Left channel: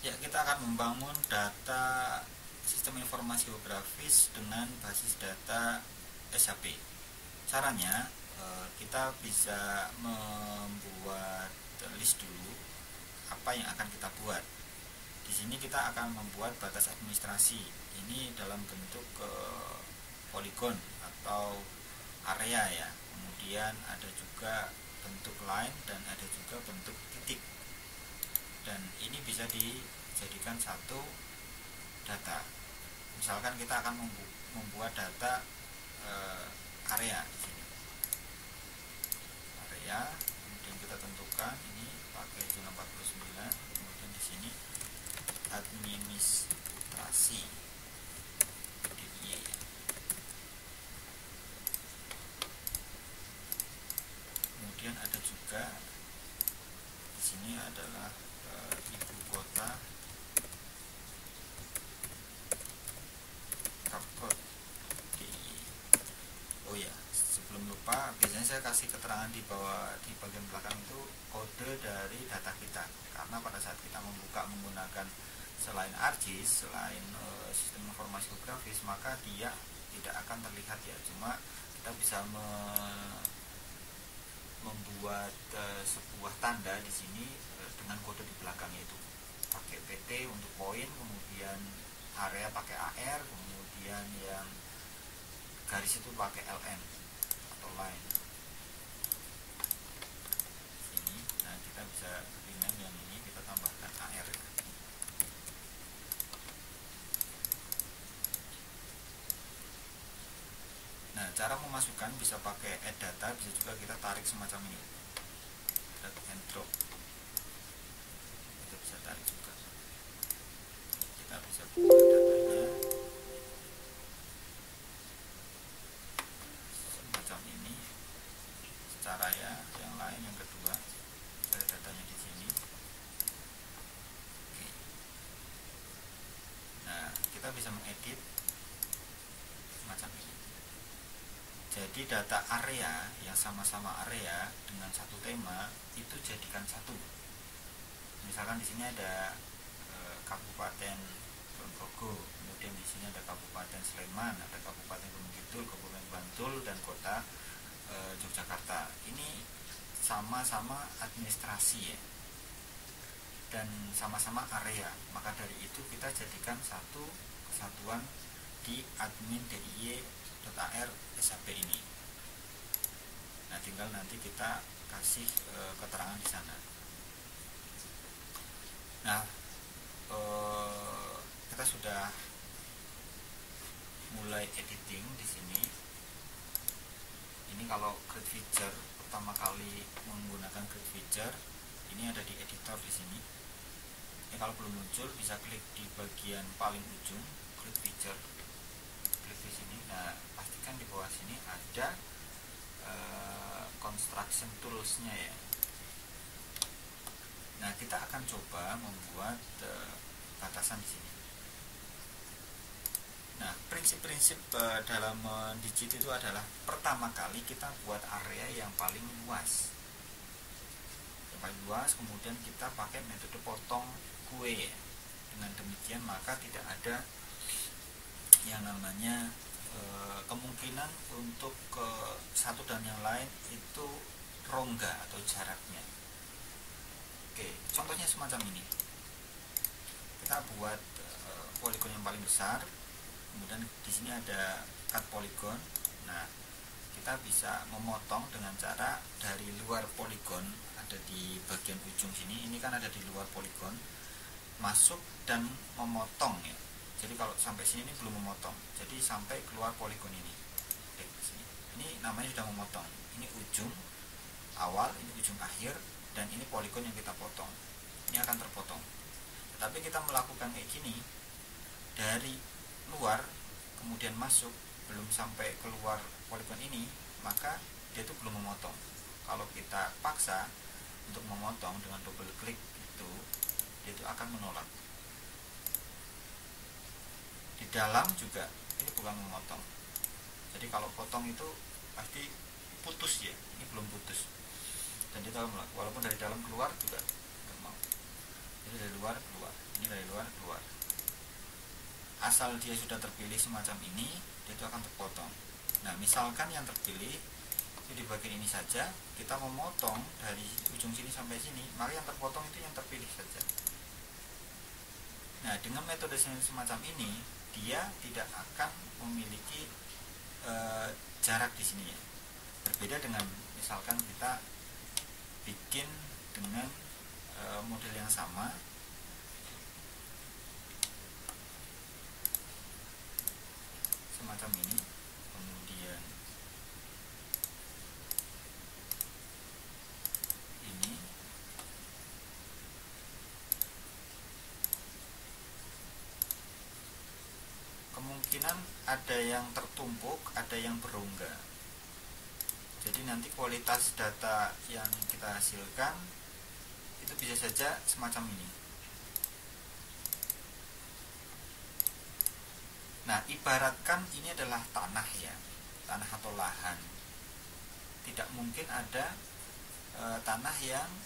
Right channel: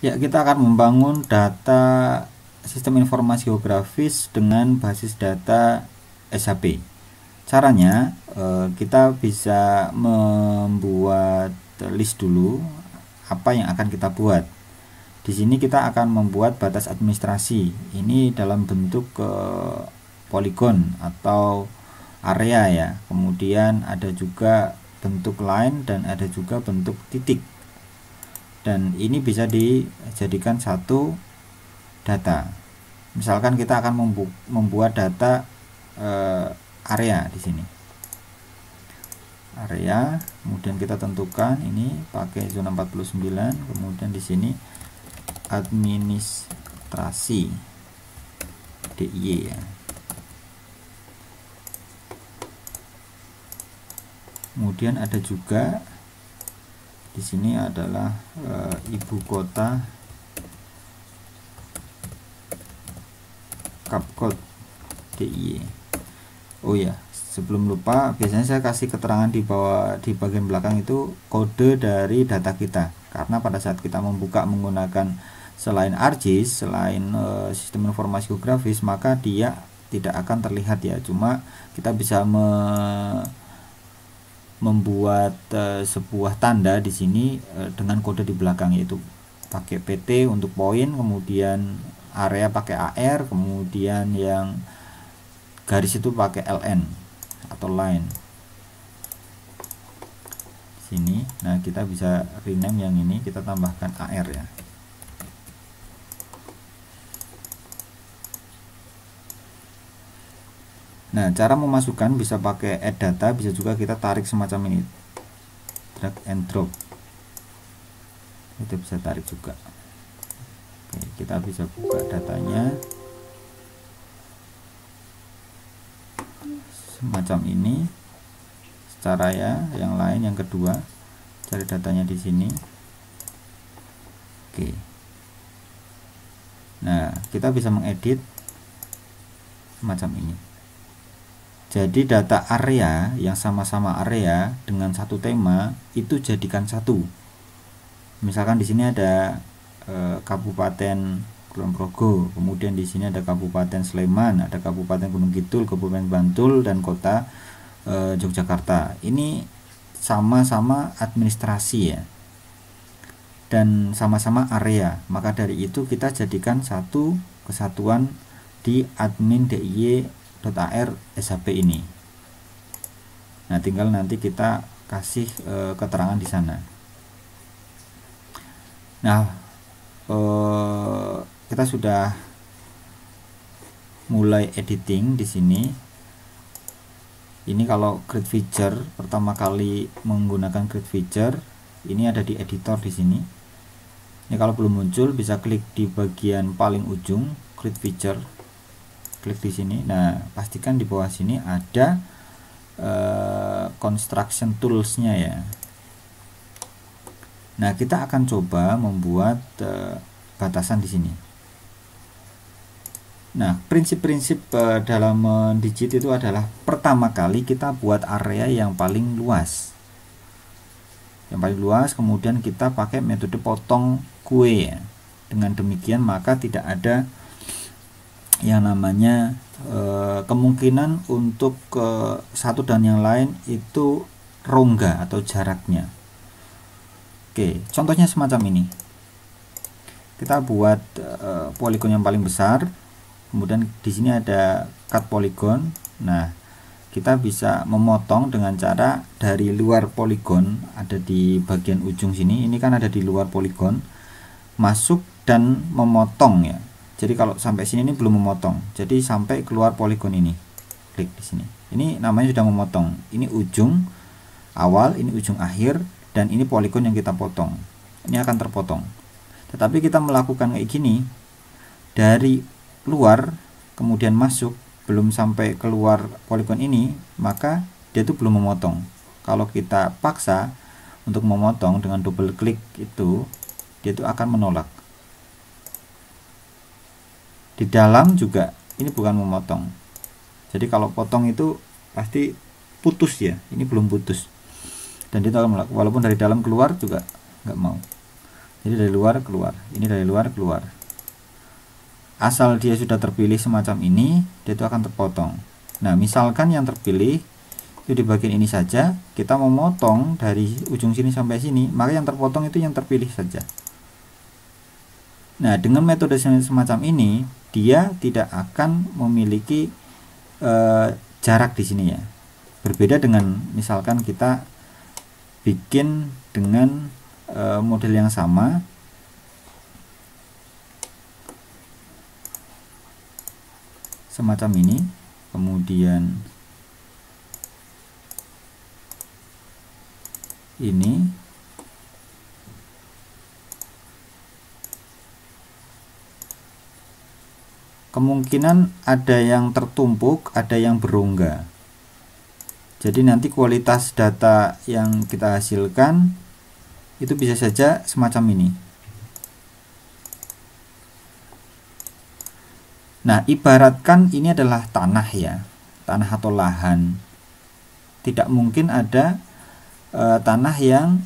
Ya, kita akan membangun data sistem informasi geografis dengan basis data SAP. Caranya, kita bisa membuat list dulu apa yang akan kita buat. Di sini kita akan membuat batas administrasi. Ini dalam bentuk poligon atau area ya. Kemudian ada juga bentuk line dan ada juga bentuk titik. Dan ini bisa dijadikan satu data. Misalkan kita akan membuat data area di sini. Area, kemudian kita tentukan ini pakai zona 49, kemudian di sini administrasi DIY ya. Kemudian ada juga di sini adalah ibu kota Kapkot DIY. Oh ya, sebelum lupa, biasanya saya kasih keterangan di bawah di bagian belakang itu kode dari data kita. Karena pada saat kita membuka menggunakan selain ArcGIS, selain sistem informasi geografis, maka dia tidak akan terlihat ya. Cuma kita bisa membuat sebuah tanda di sini dengan kode di belakang, yaitu pakai PT untuk poin, kemudian area pakai AR, kemudian yang garis itu pakai LN atau line sini. Nah, kita bisa rename yang ini, kita tambahkan AR ya. Nah, cara memasukkan bisa pakai add data, bisa juga kita tarik semacam ini, drag and drop, itu bisa tarik juga. Oke, kita bisa buka datanya semacam ini secara ya. Yang lain, yang kedua, cari datanya di sini. Oke, nah kita bisa mengedit semacam ini. Jadi data area yang sama-sama area dengan satu tema itu jadikan satu. Misalkan di sini ada Kabupaten Kulon Progo, kemudian di sini ada Kabupaten Sleman, ada Kabupaten Gunung Kidul, Kabupaten Bantul, dan Kota Yogyakarta. Ini sama-sama administrasi ya, dan sama-sama area. Maka dari itu kita jadikan satu kesatuan di admin DIY.AR SAP ini. Nah, tinggal nanti kita kasih keterangan di sana. Nah, kita sudah mulai editing di sini. Ini kalau grid feature pertama kali menggunakan grid feature, ini ada di editor di sini. Ini kalau belum muncul bisa klik di bagian paling ujung grid feature, klik di sini. Nah, pastikan di bawah sini ada construction tools-nya ya. Nah, kita akan coba membuat batasan di sini. Nah, prinsip-prinsip dalam mendigit itu adalah pertama kali kita buat area yang paling luas. Yang paling luas, kemudian kita pakai metode potong kue ya. Dengan demikian maka tidak ada yang namanya kemungkinan untuk satu dan yang lain itu rongga atau jaraknya. Oke, contohnya semacam ini. Kita buat poligon yang paling besar, kemudian di sini ada cut polygon. Nah, kita bisa memotong dengan cara dari luar poligon, ada di bagian ujung sini. Ini kan ada di luar poligon, masuk dan memotong ya. Jadi kalau sampai sini ini belum memotong. Jadi sampai keluar poligon ini. Klik di sini. Ini namanya sudah memotong. Ini ujung awal, ini ujung akhir, dan ini poligon yang kita potong. Ini akan terpotong. Tetapi kita melakukan kayak gini dari luar kemudian masuk, belum sampai keluar poligon ini, maka dia itu belum memotong. Kalau kita paksa untuk memotong dengan double klik itu, dia itu akan menolak. Di dalam juga ini bukan memotong. Jadi kalau potong itu pasti putus ya, ini belum putus. Dan dia akan menolak, walaupun dari dalam keluar juga nggak mau. Jadi dari luar keluar, ini dari luar keluar. Asal dia sudah terpilih semacam ini, dia itu akan terpotong. Nah, misalkan yang terpilih itu di bagian ini saja, kita mau motong dari ujung sini sampai sini, maka yang terpotong itu yang terpilih saja. Nah, dengan metode semacam ini, dia tidak akan memiliki jarak di sini ya. Berbeda dengan misalkan kita bikin dengan model yang sama, semacam ini, kemudian ini, kemungkinan ada yang tertumpuk, ada yang berongga. Jadi nanti kualitas data yang kita hasilkan itu bisa saja semacam ini. Nah, ibaratkan ini adalah tanah ya, tanah atau lahan. Tidak mungkin ada tanah yang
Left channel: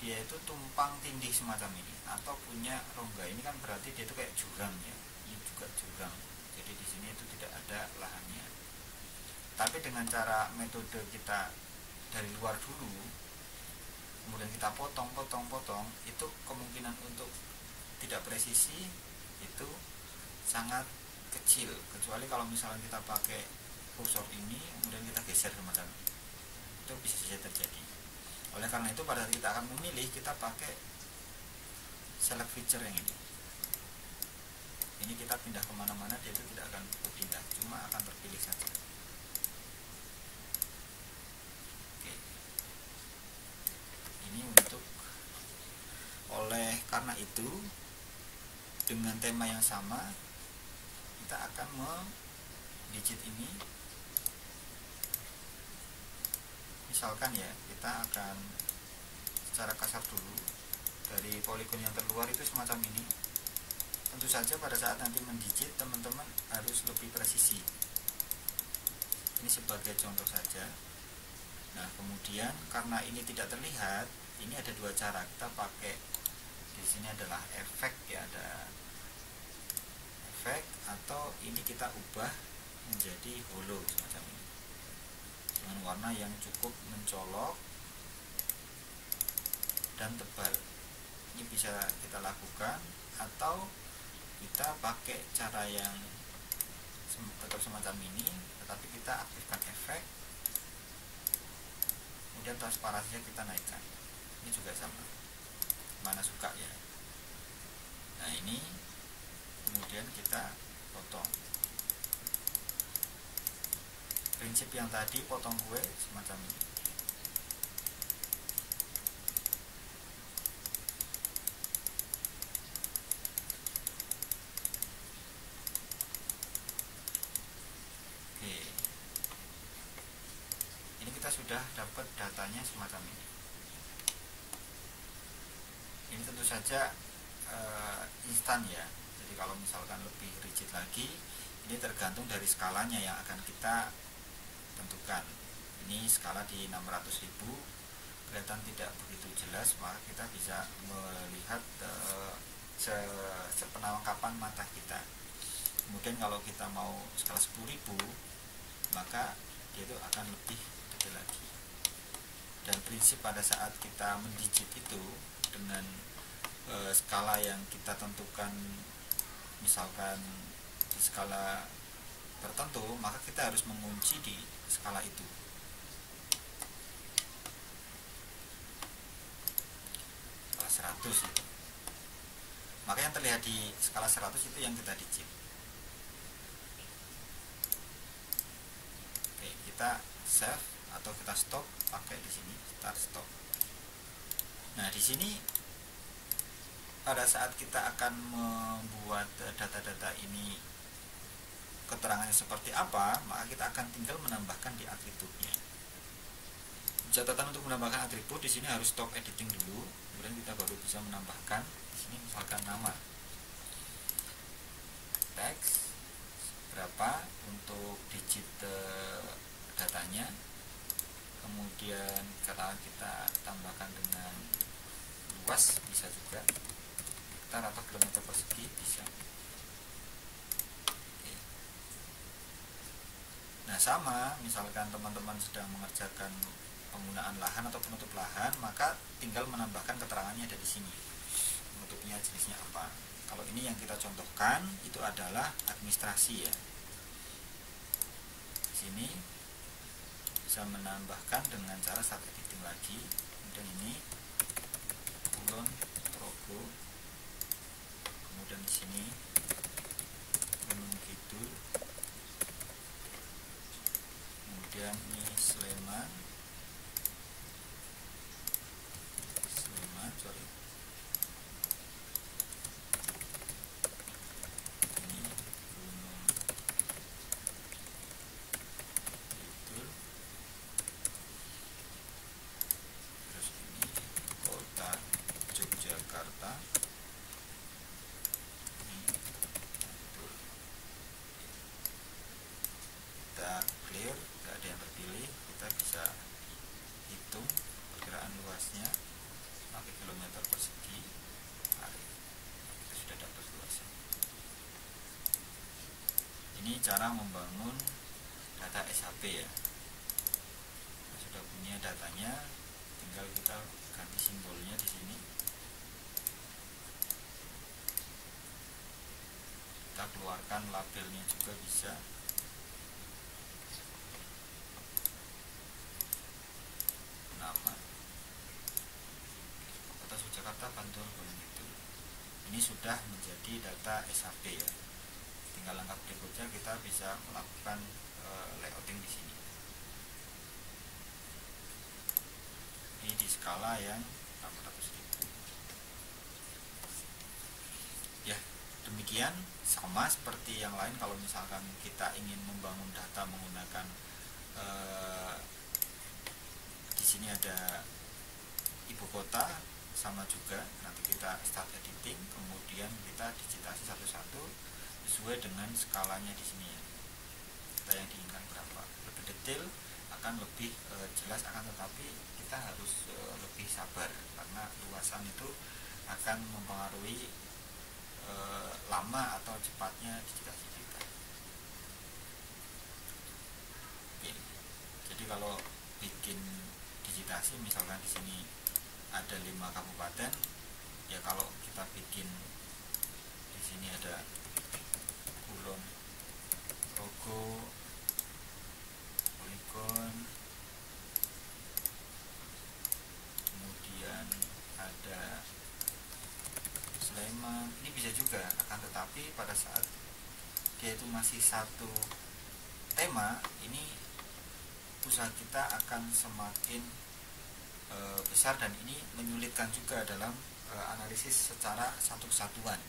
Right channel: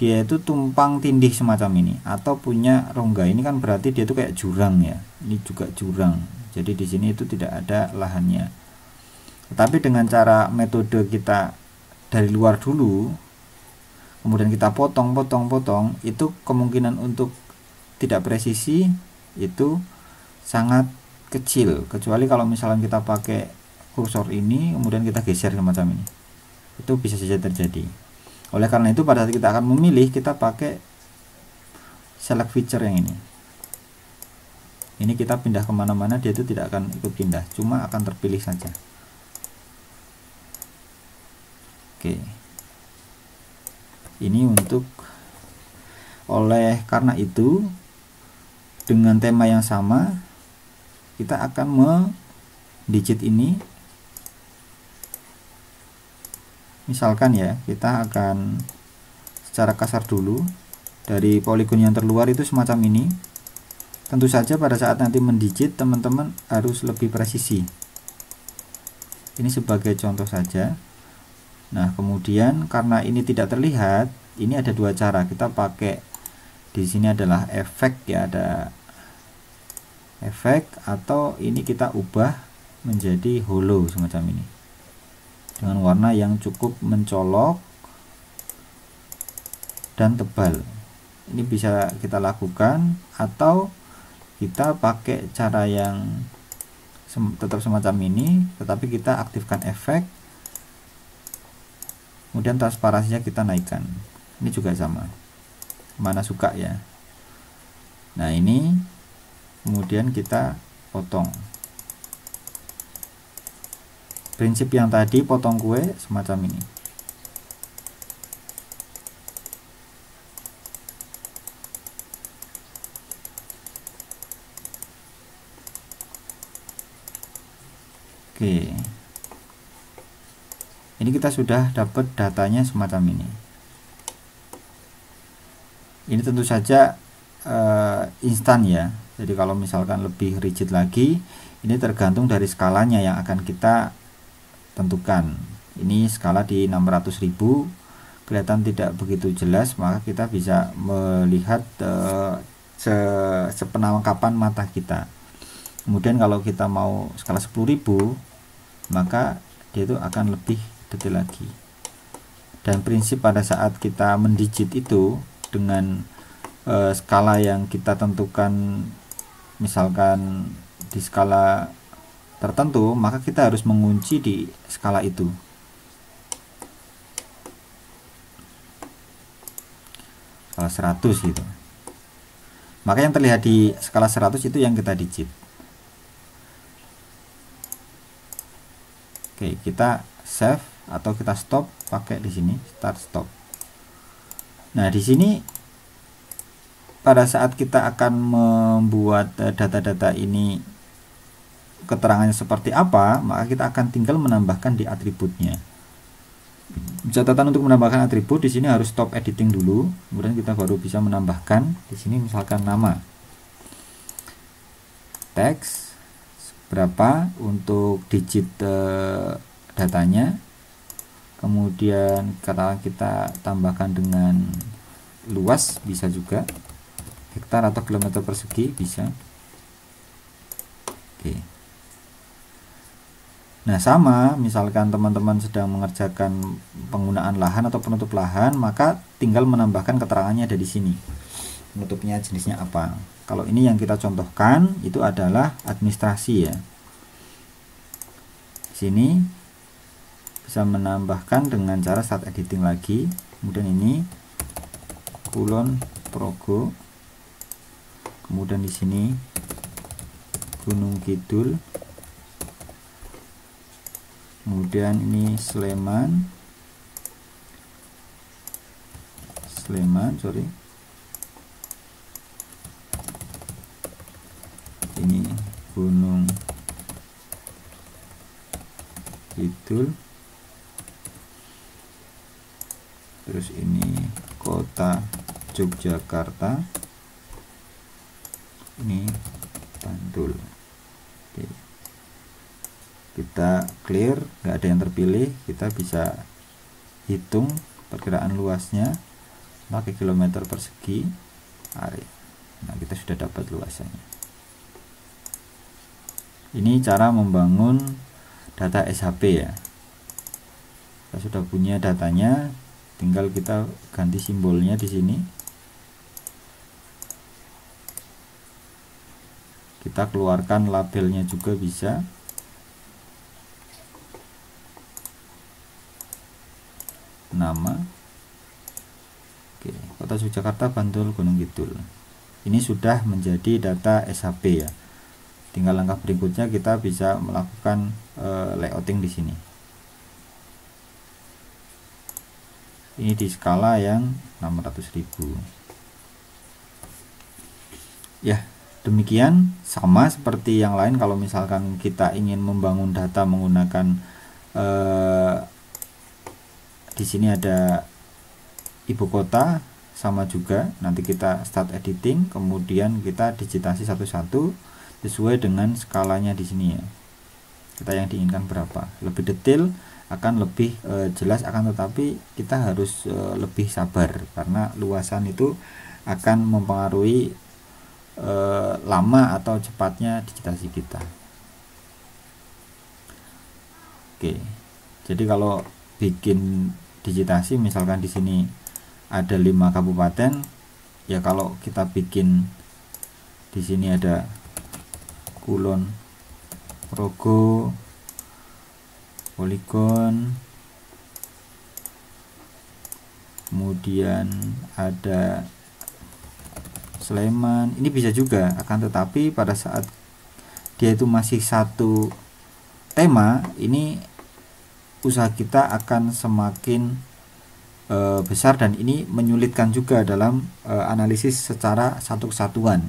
dia itu tumpang tindih semacam ini atau punya rongga. Ini kan berarti dia itu kayak jurang ya. Ini juga jurang. Jadi di sini itu tidak ada lahannya. Tetapi dengan cara metode kita dari luar dulu, kemudian kita potong, itu kemungkinan untuk tidak presisi itu sangat kecil, kecuali kalau misalnya kita pakai kursor ini kemudian kita geser semacam ini, itu bisa saja terjadi. Oleh karena itu pada saat kita akan memilih, kita pakai select feature yang ini kita pindah kemana-mana, dia itu tidak akan ikut pindah, cuma akan terpilih saja. Oke, ini untuk oleh karena itu dengan tema yang sama kita akan mendigit ini. Misalkan ya, kita akan secara kasar dulu dari poligon yang terluar itu semacam ini. Tentu saja pada saat nanti mendigit, teman-teman harus lebih presisi. Ini sebagai contoh saja. Nah, kemudian karena ini tidak terlihat, ini ada dua cara. Kita pakai di sini adalah efek ya, ada efek, atau ini kita ubah menjadi hollow semacam ini dengan warna yang cukup mencolok dan tebal. Ini bisa kita lakukan, atau kita pakai cara yang tetap semacam ini, tetapi kita aktifkan efek, kemudian transparansinya kita naikkan. Ini juga sama, mana suka ya. Nah, ini kemudian kita potong. Prinsip yang tadi potong kue semacam ini. Oke, ini kita sudah dapat datanya semacam ini. Ini tentu saja instan ya. Jadi kalau misalkan lebih rigid lagi, ini tergantung dari skalanya yang akan kita tentukan. Ini skala di 600.000, kelihatan tidak begitu jelas, maka kita bisa melihat sepenangkapan mata kita. Kemudian kalau kita mau skala 10.000, maka dia itu akan lebih detail lagi. Dan prinsip pada saat kita mendigit itu dengan skala yang kita tentukan, misalkan di skala tertentu, maka kita harus mengunci di skala itu. Skala 100 gitu. Maka yang terlihat di skala 100 itu yang kita digit. Oke, kita save atau kita stop pakai di sini start stop. Nah, di sini pada saat kita akan membuat data-data ini keterangannya seperti apa, maka kita akan tinggal menambahkan di atributnya. Catatan untuk menambahkan atribut, di sini harus stop editing dulu, kemudian kita baru bisa menambahkan. Di sini misalkan nama, teks berapa untuk digit datanya, kemudian katakan kita tambahkan dengan luas bisa juga. hektar atau kilometer persegi bisa. Oke. Nah, sama misalkan teman-teman sedang mengerjakan penggunaan lahan atau penutup lahan, maka tinggal menambahkan keterangannya ada di sini. Penutupnya jenisnya apa. Kalau ini yang kita contohkan itu adalah administrasi ya. Sini bisa menambahkan dengan cara start editing lagi. Kemudian ini Kulon Progo. Kemudian di sini Gunung Kidul. Kemudian ini Sleman, sorry. Ini Gunung Kidul. Terus ini Kota Yogyakarta. Ini Bantul. Oke. Kita clear, nggak ada yang terpilih. Kita bisa hitung perkiraan luasnya pakai kilometer persegi area. Nah, kita sudah dapat luasannya. Ini cara membangun data SHP ya. Kita sudah punya datanya, tinggal kita ganti simbolnya di sini. Kita keluarkan labelnya juga bisa. Nama. Oke, Kota Yogyakarta, Bantul, Gunung Kidul. Ini sudah menjadi data SHP ya. Tinggal langkah berikutnya kita bisa melakukan layouting di sini. Ini di skala yang 600.000. Ya, demikian sama seperti yang lain. Kalau misalkan kita ingin membangun data menggunakan di sini ada ibu kota, sama juga. Nanti kita start editing, kemudian kita digitasi satu-satu sesuai dengan skalanya di sini ya. Kita yang diinginkan berapa. Lebih detail akan lebih jelas, akan tetapi kita harus lebih sabar karena luasan itu akan mempengaruhi lama atau cepatnya digitasi kita. Oke. Jadi kalau bikin digitasi misalkan di sini ada 5 kabupaten ya, kalau kita bikin di sini ada Kulon Progo, Poligon, kemudian ada Sleman, ini bisa juga, akan tetapi pada saat dia itu masih satu tema, ini usaha kita akan semakin besar dan ini menyulitkan juga dalam analisis secara satu kesatuan.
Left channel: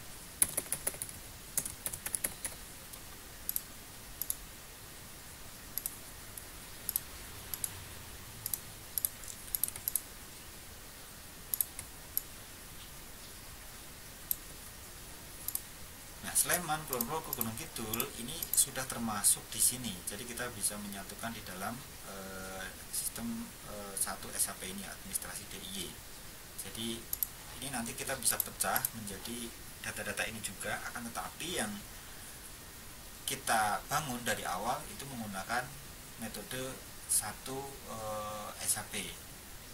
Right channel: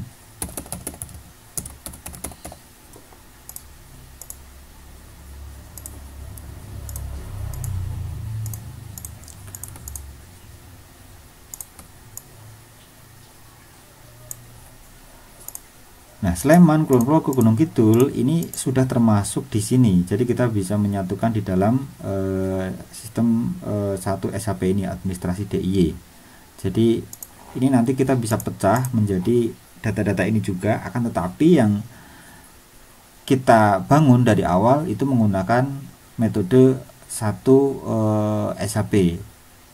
Nah, Sleman, Kulon Progo, Gunung Kidul ini sudah termasuk di sini. Jadi kita bisa menyatukan di dalam sistem satu SHP ini, administrasi DIY. Jadi ini nanti kita bisa pecah menjadi data-data ini juga, akan tetapi yang kita bangun dari awal itu menggunakan metode satu SHP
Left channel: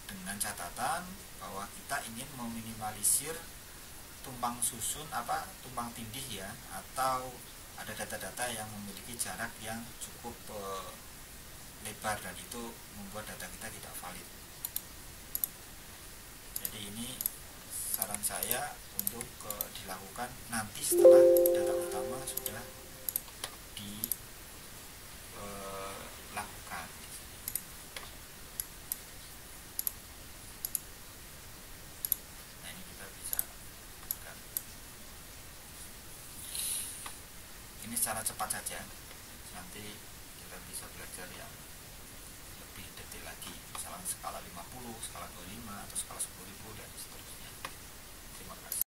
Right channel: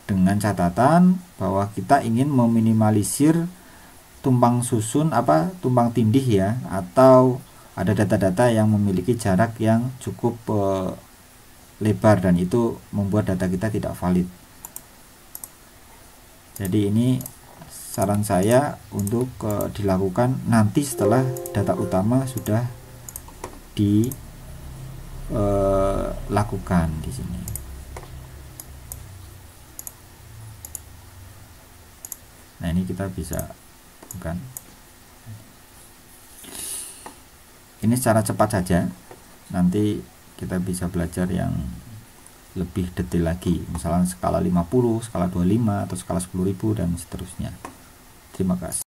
dengan catatan bahwa kita ingin meminimalisir tumpang susun tumpang tindih ya, atau ada data-data yang memiliki jarak yang cukup lebar dan itu membuat data kita tidak valid. Jadi ini saran saya untuk dilakukan nanti setelah data utama sudah dilakukan di sini. Nah, ini kita bisa kan. Ini secara cepat saja. Nanti kita bisa belajar yang lebih detail lagi, misalnya skala 50, skala 25 atau skala 10.000 dan seterusnya. Terima kasih.